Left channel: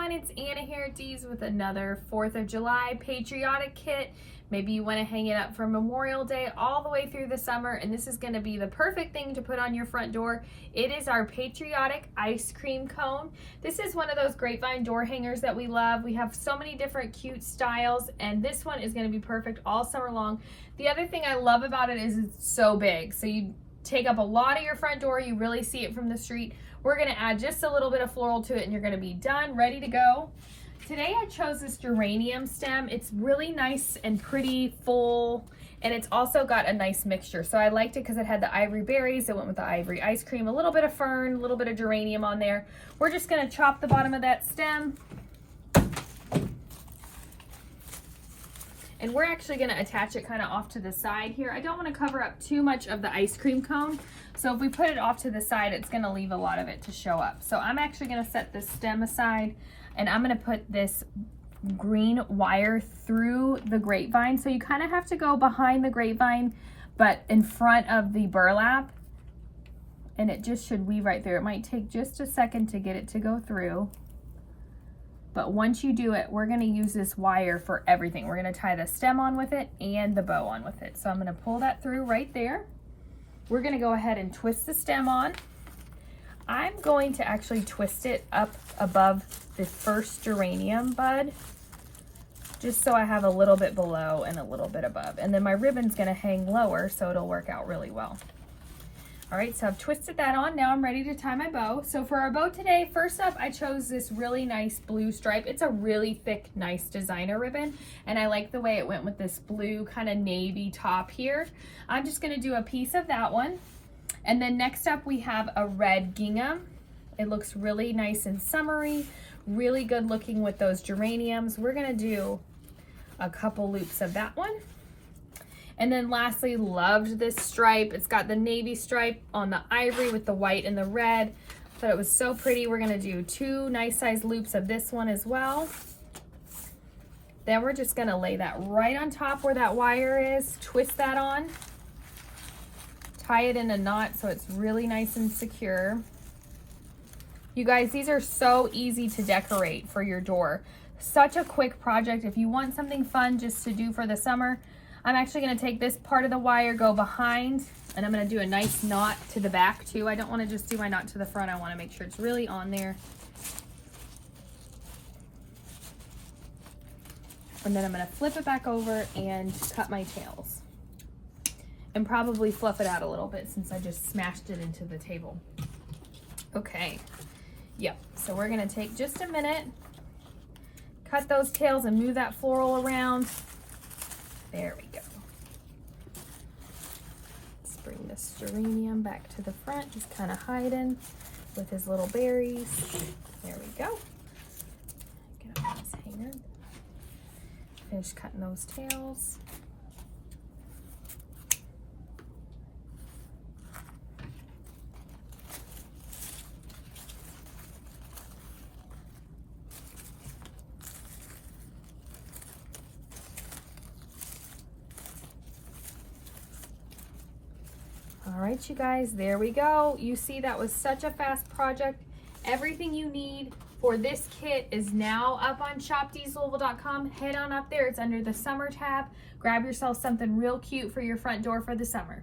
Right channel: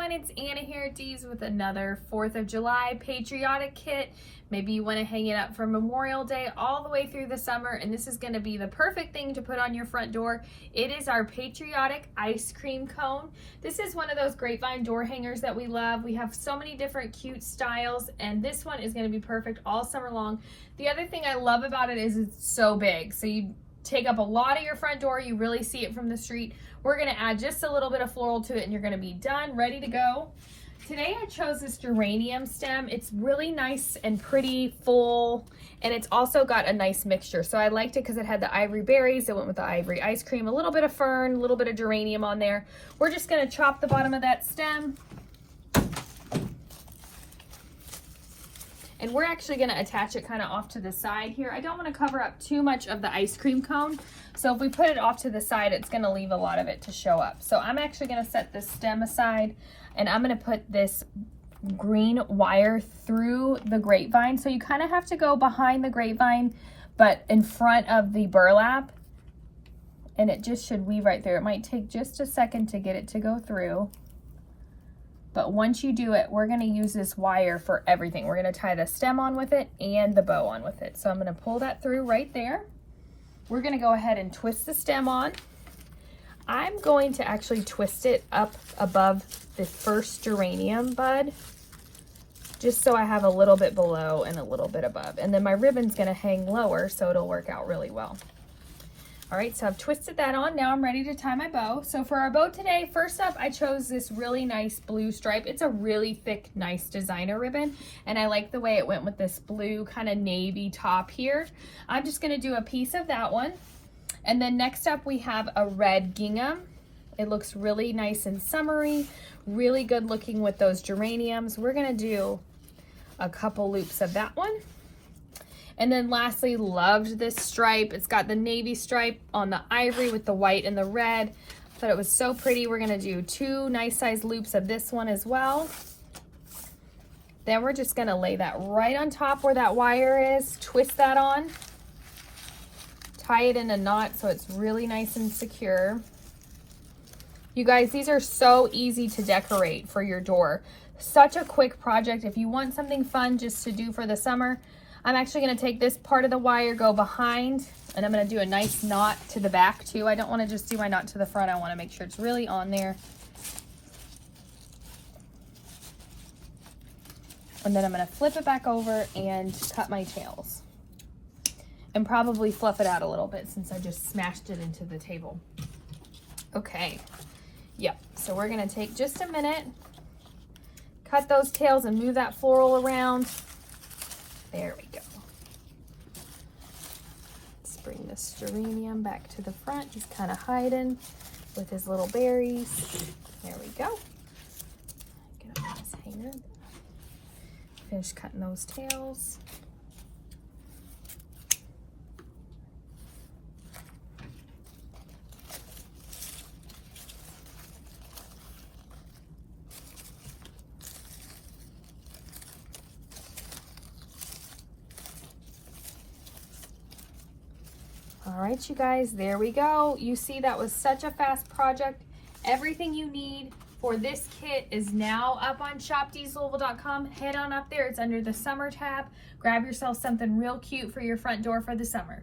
everyone, it's Anna here at Dee's with another 4th of July patriotic kit. Maybe you want to hang it up for Memorial Day all the way through the summer, and this is going to be the perfect thing to put on your front door. It is our patriotic ice cream cone. This is one of those grapevine door hangers that we love. We have so many different cute styles, and this one is going to be perfect all summer long. The other thing I love about it is it's so big, so you take up a lot of your front door. You really see it from the street. We're going to add just a little bit of floral to it and you're going to be done, ready to go. Today I chose this geranium stem. It's really nice and pretty, full, and it's also got a nice mixture. So I liked it because it had the ivory berries. It went with the ivory ice cream, a little bit of fern, a little bit of geranium on there. We're just going to chop the bottom of that stem. And we're actually going to attach it kind of off to the side here. I don't want to cover up too much of the ice cream cone. So if we put it off to the side, it's going to leave a lot of it to show up. So I'm actually going to set this stem aside, and I'm going to put this green wire through the grapevine. So you kind of have to go behind the grapevine, but in front of the burlap. And it just should weave right there. It might take just a second to get it to go through. But once you do it, we're going to use this wire for everything. We're going to tie the stem on with it and the bow on with it. So I'm going to pull that through right there. We're going to go ahead and twist the stem on. I'm going to actually twist it up above the first geranium bud, just so I have a little bit below and a little bit above. And then my ribbon's going to hang lower, so it'll work out really well. All right, so I've twisted that on. Now I'm ready to tie my bow. So for our bow today, first up, I chose this really nice blue stripe. It's a really thick, nice designer ribbon, and I like the way it went with this blue kind of navy top here. I'm just gonna do a piece of that one. And then next up, we have a red gingham. It looks really nice and summery, really good looking with those geraniums. We're gonna do a couple loops of that one. And then lastly, loved this stripe. It's got the navy stripe on the ivory with the white and the red. Thought it was so pretty. We're gonna do 2 nice size loops of this one as well. Then we're just gonna lay that right on top where that wire is, twist that on, tie it in a knot so it's really nice and secure. You guys, these are so easy to decorate for your door. Such a quick project. If you want something fun just to do for the summer, I'm actually going to take this part of the wire, go behind, and I'm going to do a nice knot to the back too. I don't want to just do my knot to the front. I want to make sure it's really on there. And then I'm going to flip it back over and cut my tails. And probably fluff it out a little bit since I just smashed it into the table. Okay. Yep. So we're going to take just a minute, cut those tails and move that floral around. There we go. Let's bring this geranium back to the front, just kind of hiding with his little berries. There we go. Get him on his hanger. Finish cutting those tails. All right, you guys, there we go. You see, that was such a fast project. Everything you need for this kit is now up on shopdeeslouisville.com. Head on up there. It's under the summer tab. Grab yourself something real cute for your front door for the summer.